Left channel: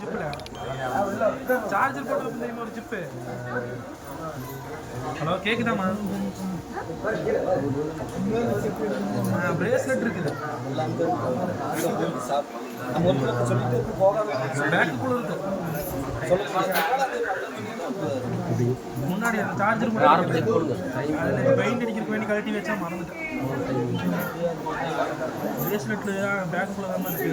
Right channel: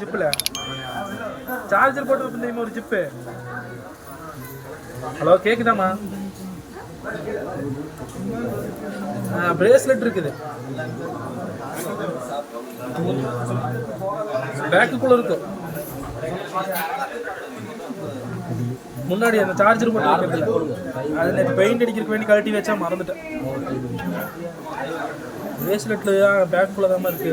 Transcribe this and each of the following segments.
ஜிப்பில் charger போட்டு வந்திருந்தீங்க ஒரு zip hello கேக்குதாம்மா? Bracelet இருக்குது. பேக்குக்குள்ள இருக்கு. முன்னாடி அந்த சார்ஜர் போட்டு அதில் பெயிண்ட் அடிக்கிறதுக்கு வேண்டி கழட்டி வச்சா மறந்துட்டேன். பிரேஸ்லெட்ல பேக்குக்குள்ள தான் இருக்கு.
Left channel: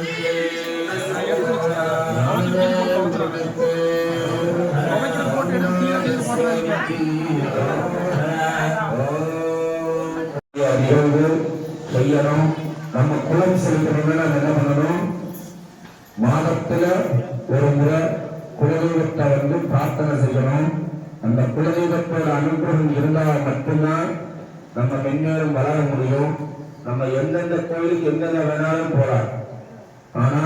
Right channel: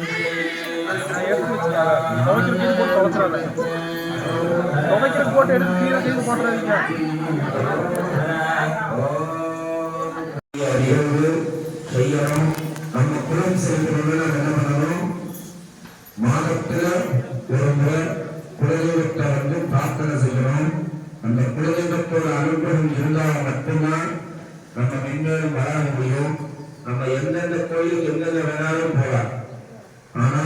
செய்யணும் நம்ம குலம் செய்யணும்னா நம்ம என்ன பண்ணணும் மாதத்துல ஒரு முறை குலதெய்வத்தை வந்து பிரார்த்தனை செய்யணும் அந்த குலதெய்வத்தோட அனுகிரகம் இருந்தால் மட்டும்தான் நம்ம மென்மேலும் வளர முடியும் நம்ம எந்தெந்த கோயிலுக்கு எந்தெந்த வேணாலும் போகலாம் ஆனா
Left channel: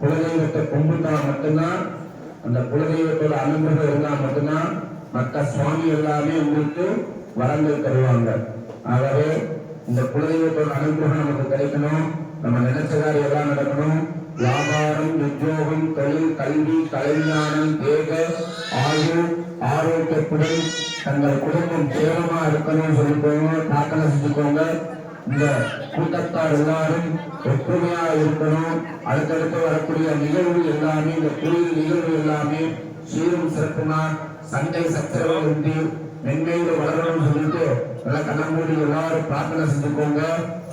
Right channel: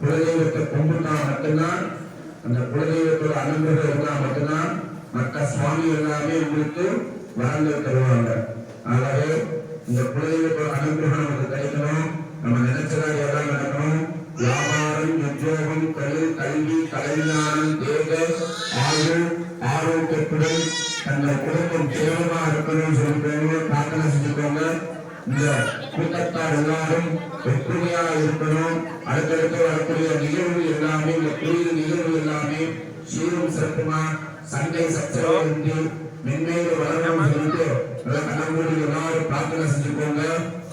குலதெய்வத்தை கும்பிட்டா மட்டும்தான் அந்த குலதெய்வத்தோட அனுகிரகம் இருந்தால் மட்டும்தான் மற்ற சுவாமி எல்லாமே உங்களுக்கு வரங்கள் தருவாங்க. ஆகவே இந்த குலதெய்வத்தோட அனுகிரகம் நமக்கு கிடைக்கணும். நம்ம நினைச்சதா எல்லாம் நடக்கணும். வியாபாரம் உத்தியோகம் தொழில் கல்வி கலைஞானம் தேக ஆயுள் ஆரோக்கியத்துடன் தங்கள் குடும்பம் சேவமா இருக்கணும்னு சொல்லிக்கோங்க பிரார்த்தனை செஞ்சுக்கோங்க இந்த கூட்டத்தார் எல்லாரும் ஒற்றுமையா இருக்கணும். அடுத்தடுத்து வரக்கூடிய நிகழ்வு எல்லாமே இந்த கோயில் நிகழ்வு எல்லாமே சீரும் சிறப்புமா சண்டை சச்சரவு இன்றி மென்மேலும் வளரணும் சொல்லிட்டு நல்லா கண்ணமூடி எல்லாரும் பிரார்த்தனை செஞ்சுக்கோங்க.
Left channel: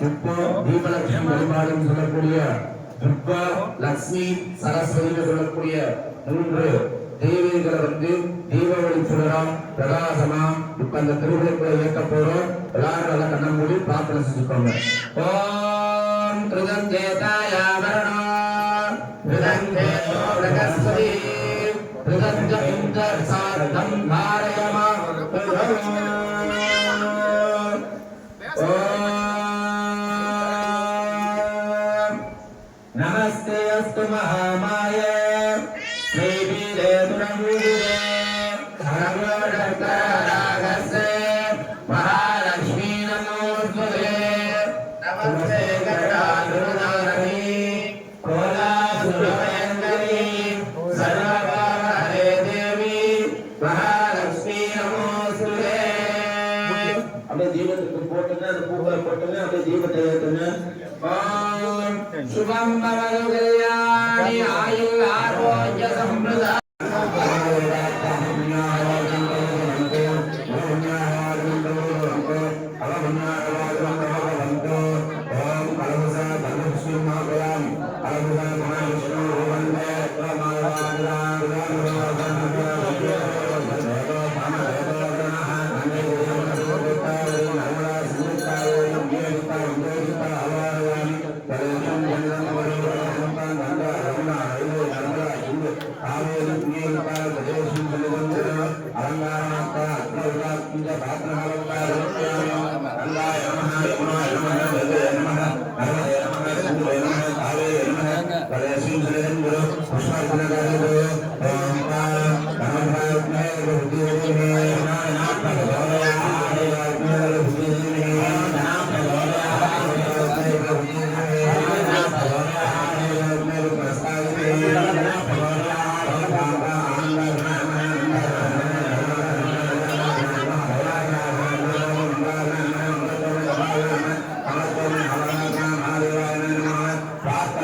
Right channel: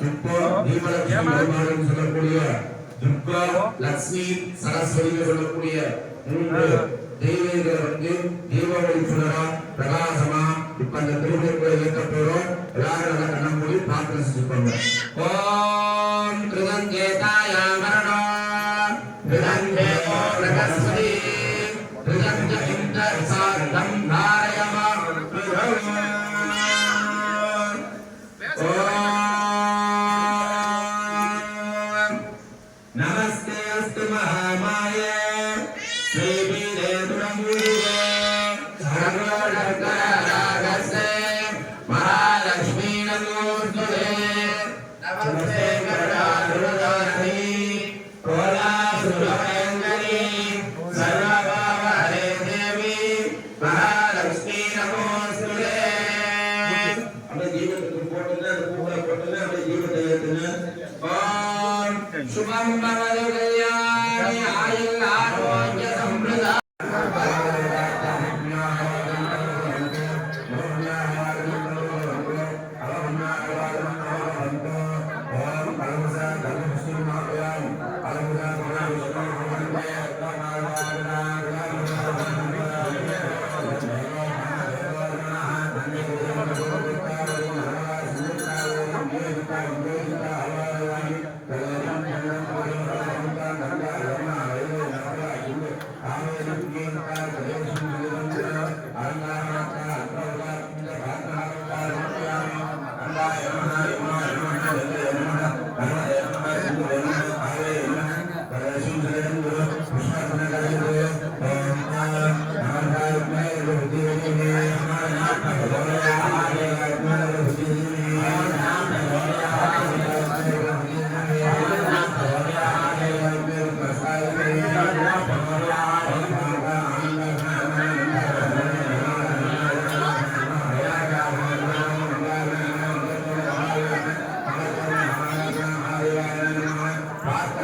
இப்போ தீபலட்சுமி வழிபாடுன்னு சொல்லக்கூடிய துர்கா லட்சுமி சரஸ்வதி சொல்லக்கூடிய மூன்று தெய்வங்களை வந்து தீபாவளி சுடரா பிரகாசமா இப்ப அந்த திருவிழாக்குள்ள இயக்க போறோம். எல்லாரும் நல்லா கண்ண பிரார்த்தனை செஞ்சுக்கோங்க. ஓம் திருதந்தேதாய மரணம். கிருதந்தேதோ பிரகஸ்பதி. सार्धं धारयमार्गम् नमस्ते अस्तु महामाया அப்படியே ஜீவத்துக்கு போட்டுங்க அந்த பூக்களை போட்டுங்க அப்படியே ஜீவத்தை ஏத்துங்க சுபம் பவதுகயாணி ஆயுள் ஆர்வாய்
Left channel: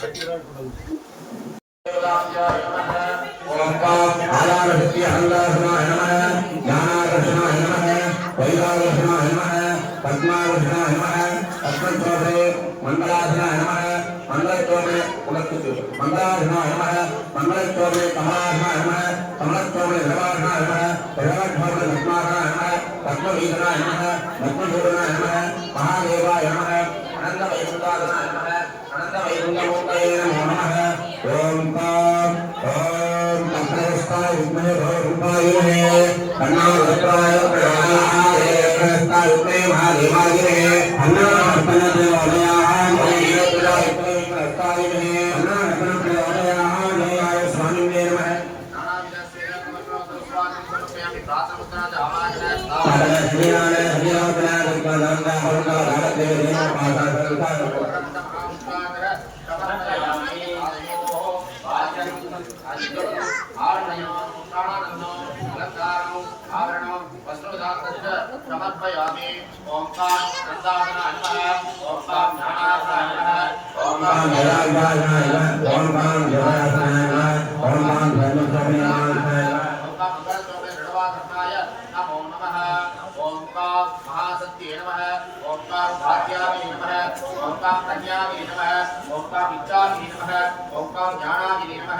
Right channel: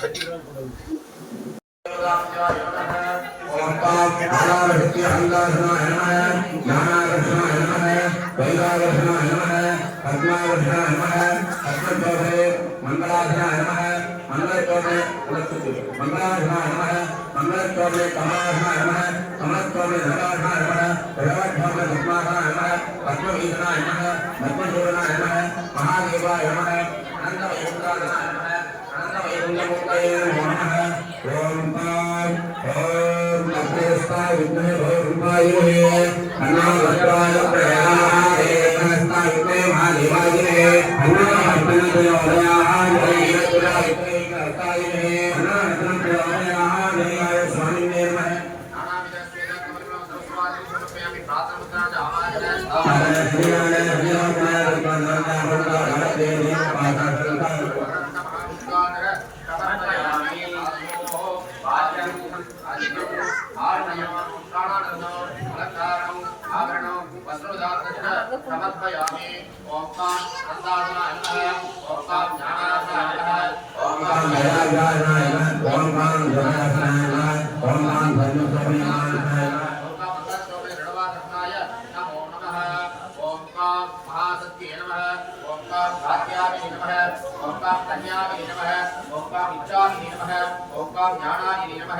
Thank you. பத்மவீதனாய நம பத்மபூரனாய நம மகாதேவாய நம அனந்த வைகுண்டாதனாய நம அனந்த வைகுண்டமூர்த்தே సమర్పయామి ఓంకార్ సందాసన అన్నః ఓంకార్ జ్ఞానాసన ఓంకార్ జ్ఞానాసన ఓంకార్ జ్ఞానాసన ఓంకార్ జ్ఞానాసన ओंकार महासत्य नम। ओंकार भाग्यावे नम। ओंकार प्रज्ञावे नम। ओंकार इच्छावे नम। ओंकार ज्ञानादि नम।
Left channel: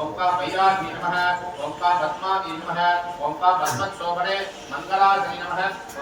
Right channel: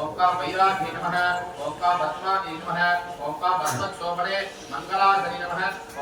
ओंकार वैराग्य नम। ओंकार रत्नादि नम। ओंकार भस्मत्सोभने मंगलाधि नम।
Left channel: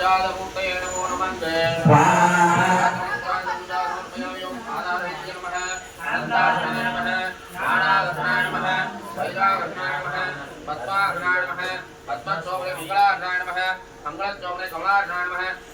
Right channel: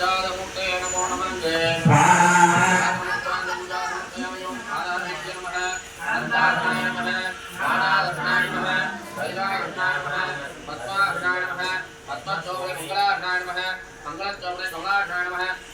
जातमूर्तये नमो नमन्ते मंगलचौड़े कमलाघ्राण नमः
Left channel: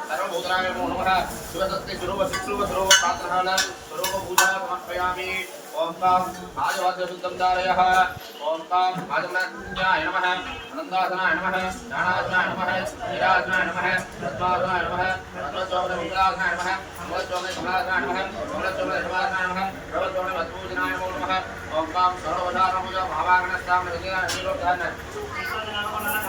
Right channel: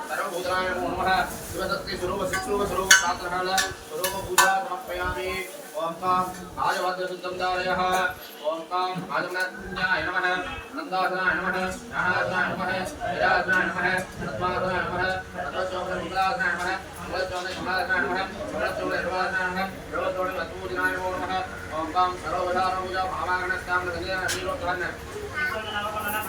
सर्वभूतनाय नमो नमः शिवसत्ते स्वरूपशिक्षुपस्वरूपप्रार्थनः स्वरूपपूजा समर्पयामि ॐ कां आजवाद्यशुद्धं धारयः ॐ कां आजमनाय नमः अनन्दासनाय नमः ज्ञानासनाय नमः विराजनाय नमः पद्मासनाय नमः पद्मचोमनमुद्रासनाय नमः कमलचोमने कमलासनाय नमः कमलचोमने शिवासनाय नमः शिवचोमने मधुसूदनाय नमो नमः ॐ कां सर्वधारणपूजा भावागणस्तां नगेन निरोधान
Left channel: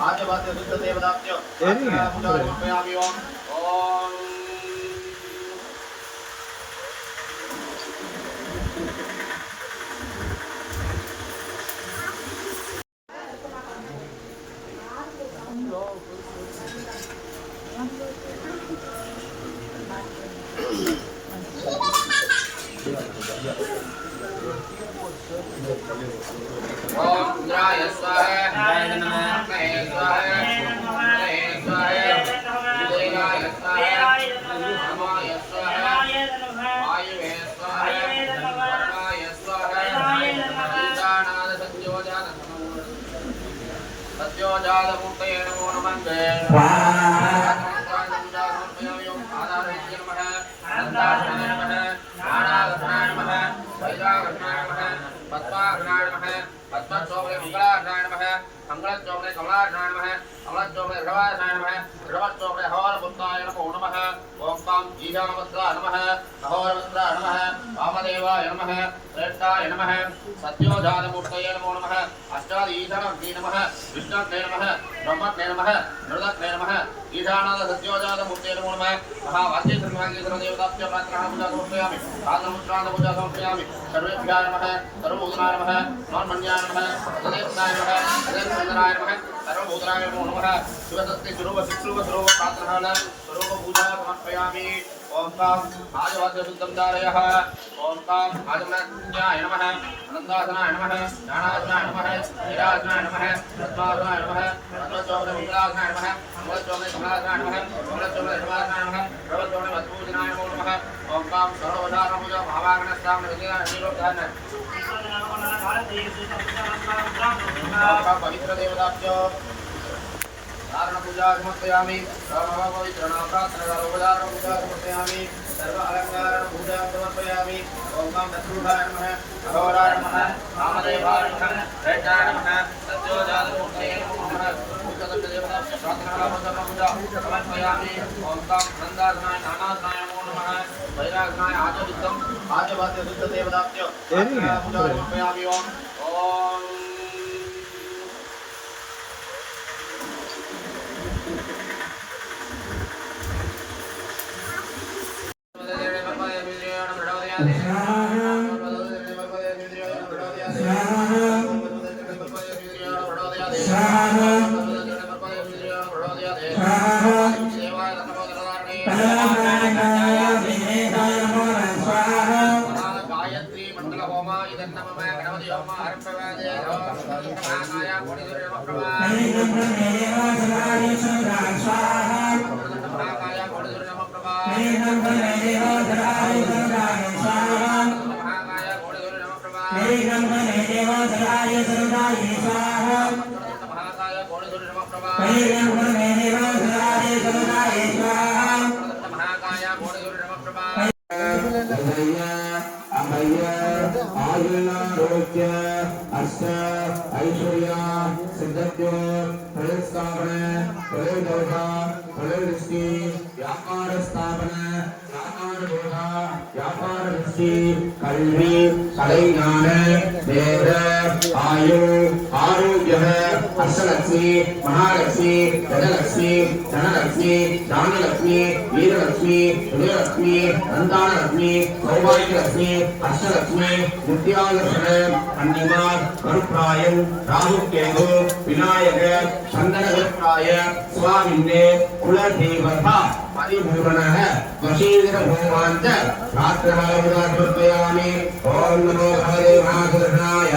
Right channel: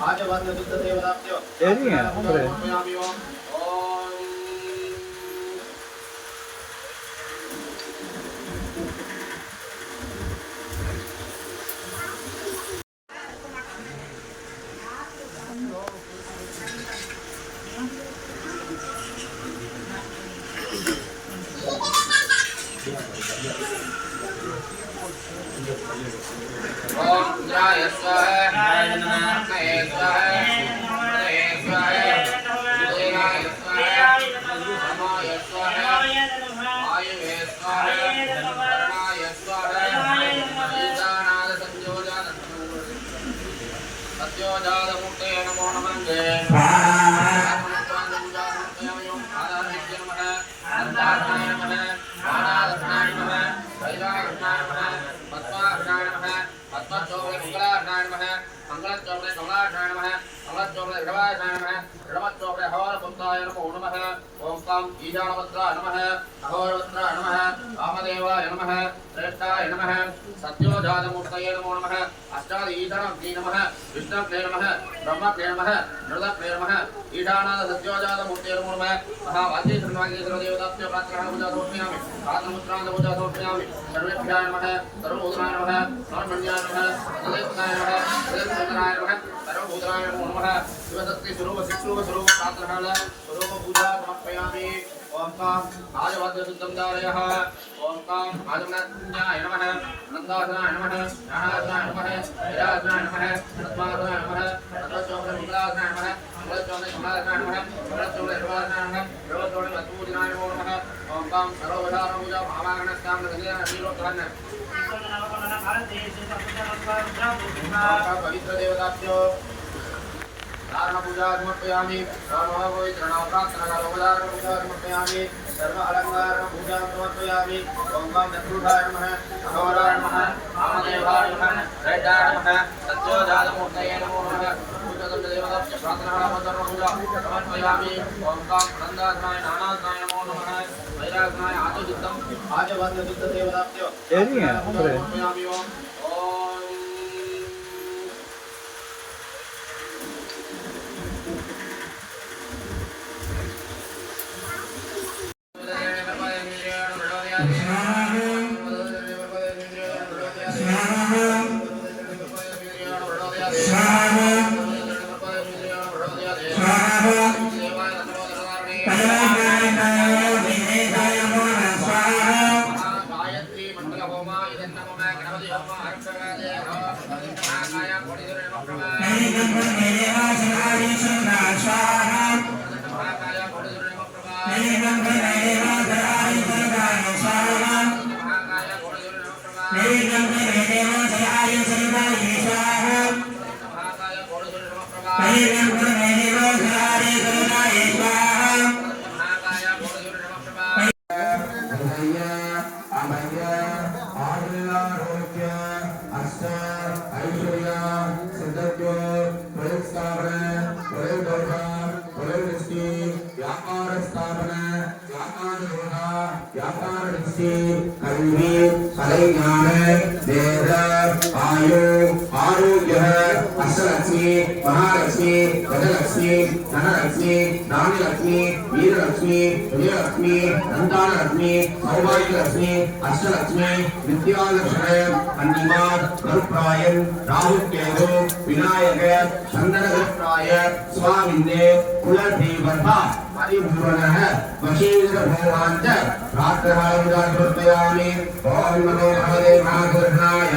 ஆஜவாத்திய சுத்த தேவதாத்தியம் பிரகலாதமூர்த்தய நமோ நமந்தே பத்மாகனாய நம பத்மாகனாய நம கமலச்சோபரே ரிடவாயசாய நமः ரிடவச்சோபரே அகோரபுத்தாய நமோ நமः ஓம் காம் ஈசானவத்ராய நமः அகோரவத்ராய நமः வாமதேவாய நமः श्रेष्ठाय नमः सत्योजातमूर्तये नमो नमः अष्टादीशानग्ने नमः विष्णुग्ने नमः ब्रह्मग्ने नमः मृदग्ने नमः ईशानाद सत्योजातमूर्तये नमो नमः महावाद्येश्वरवागेश्वरदेवताभ्य प्रार्थना पूजा समर्पयामि साधनमुद्रान्त पूजा समर्पयामि सर्वेभ्याय नमः सर्वभूतनाय नमः नोन्मन्याय सदैवताय नमः नमः शिवशक्ति स्वरूप शिक्षरूप स्वरूप प्रार्थना स्वरूप पूजा समर्पयामि ओम काम आजवाद्यशुद्धं धारयः ओम काम आजमनाज्ञाय नमः अनन्दासनाय नमः ज्ञानासनाय नमः वीरासनाय नमः पद्मासनाय नमः पद्मचोमने मुद्रासनाय नमः कमलचोमने कमलासनाय नमः कमलचोमने सर्वासनाय नमः सर्वचोमने मधुसूदनाय नमो नमः ओम काम सर्ववधारणपूजा महावागणस्तां नगरीय नदीलोकधन ओम काम पवित्रदेवताभ्यो। धारण पूजा समर्पयामि। सर्व पवित्र प्रार्थना सर्वधारण पूजा समर्पयामि। सर्व अलंकार पूजा समर्पयामि। ओम काम नमः। अघोराय नमः। कामदेवाय नमः। दैत्याय नमः। सत्योजातमूर्तये नमो नमः। સમર્પયામિ ઓમ કામ વૃંદાધમાય નાનાધમાય નમો નમઃ વૈરાગનાય આચો શુદ્ધમ આચો ભાદ્ય શુદ્ધ દેવદાત્ય સમર્પયામિ ઓમ ઓમ கல்வி கலைஞான ஆயு ஆரோக்கிய அஷ்டலட்சுமி மகாலட்சுமி கஜலட்சுமி தனலட்சுமி தானலட்சுமி வீரலட்சுமி விஜயலட்சுமி நந்தானலட்சுமி சௌபாகியலட்சுமி அஷ்டலட்சுமி வித்யாலட்சுமி அன்னிமா மறுப்பிராயம் ராகுகேது விநாயகர் சந்தனவிற்றாய சுவாமிந்தே குலதேவதா పరిభువనః వశీభూమాంచ రాత్రవరంగా కృతయామి ఓం నమో భగవతే మహాకృష్ణాయ